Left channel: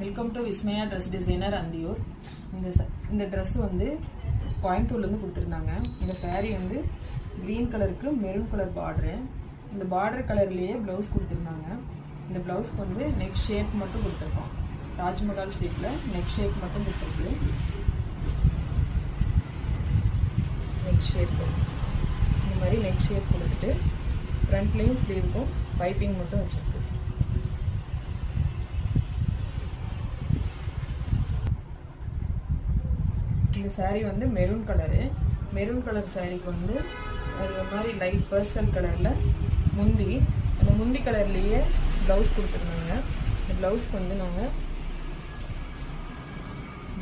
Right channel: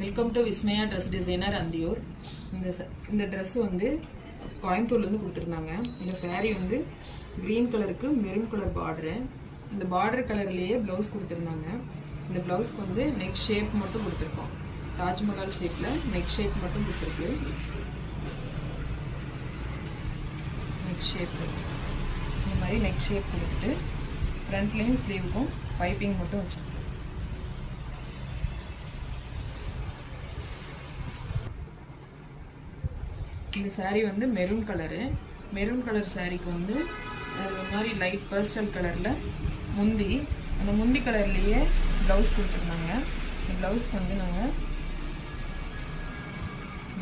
Welcome to Vismaya dress designer Anthiyur. இந்த dress வந்து கோயம்புத்தூர்லேருந்து கொடுத்துருந்தாங்க. இந்த saree வந்து க்ரீன் கலருக்கு மெரூன் கலர் பார்டரு. இந்த பார்டர் கலர்லேயே ப்ளவுஸ் கொடுத்துருந்தாங்க. இந்த ப்ளவுஸ்க்கு வந்து நெக் ஷேப் மட்டும் கொடுத்துருக்கோம். தாஜ்மஹால் ஷேப்பில் நெக் ஷேப் மட்டும் கொடுத்துருக்கு. நெக் ஷேப் இந்த மாதிரி நெக் ஷேப் கொடுத்துட்டு ஃப்ரண்ட்லேயும் ஸ்லீவுக்கும் பைப்பிங் மட்டும் வச்சுருக்கோம். இந்த saree வந்து மெரூன் கலர் சாரீக்கு வந்து அது மாதிரி லைட் பர்ஸ்டல் கலரில் முந்தி, அந்த முந்தி கலர்லேயே ப்ளவுஸ் கொடுத்துருந்தாங்க. இந்த ப்ளவுஸ்க்கு வந்து நாங்கள்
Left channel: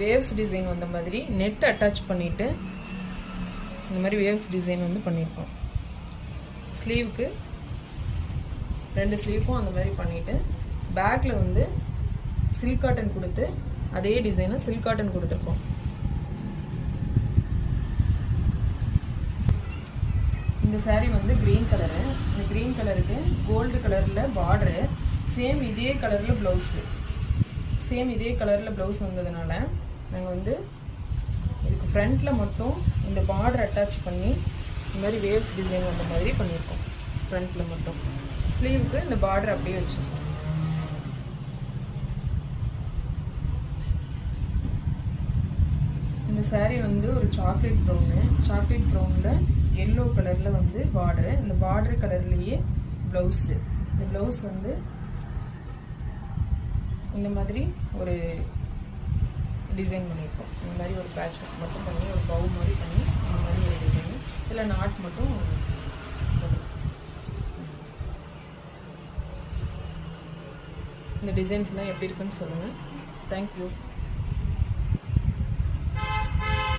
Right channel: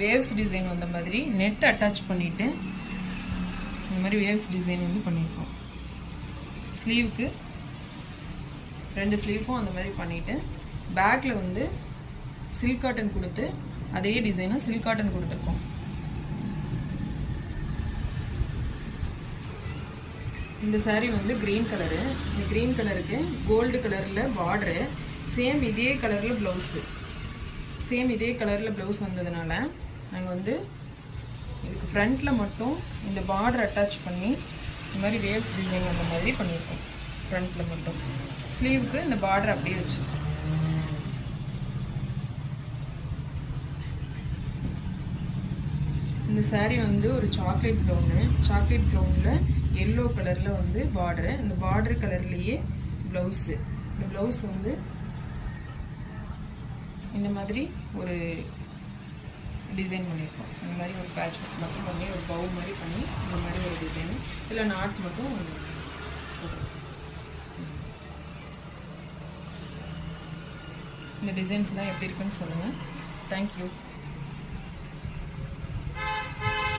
வேவ்ஸ் டிசைன் வந்த மாதிரி நெட் அட்டாச் பண்ணிவிட்டு இந்த மாதிரி வேவ்ஸ் டிசைன் வந்து பண்ணியிருக்கோம். ஸ்லீவுக்கு 2 ஸ்லீவுக்கும் அந்த மாதிரி பண்ணிவிட்டு பேக்கில் வந்து சில்க் காட்டன் கொடுத்து அதே டிசைனை சில்க் காட்டன் கொடுத்துருக்கோம். இந்த saree வந்து க்ரீன் கலரு. இந்த க்ரீன் கலருக்கு கோல்டு கலரில் பார்டரு, சேம் இதே கலரில் ப்ளவுஸ் வந்ததுனால நாங்கள் வந்து இதுக்கு ஃப்ரண்ட்டில் மட்டும் இந்த பார்டர் அட்டாச் பண்ணி இந்த மாதிரி வேவ்ஸ் டிசைன் வந்த மாதிரி பண்ணியிருக்கோம். ஃப்ரண்ட்டில் மட்டும், ஸ்லீவுக்கு இந்த பார்டர் அப்படியே வச்சுருக்கோம். இந்த saree வந்து ஒரு சாக்லேட் ப்ரௌனில் எல்லோ கலரில் வந்து பார்டரு. இந்த பார்டர் கலர்லேயே ப்ளவுஸு. இந்த ப்ளவுஸ் வந்து இந்த மாதிரி ஒரு டிசைன் பண்ணியிருக்கோம். இந்த மாதிரி ஒரு பேட்ச் ஒர்க் மட்டும் பண்ணி ஒரு பவு மாதிரி பண்ணி இந்த மாதிரி ஒரு டிசைனு இல்லை நாட் மட்டும் போட்டுருக்கோம். இந்த டிசைன்ஸ்லாம் எப்படி இருக்குன்னு சொல்லுங்கள். தேங்க்யூ.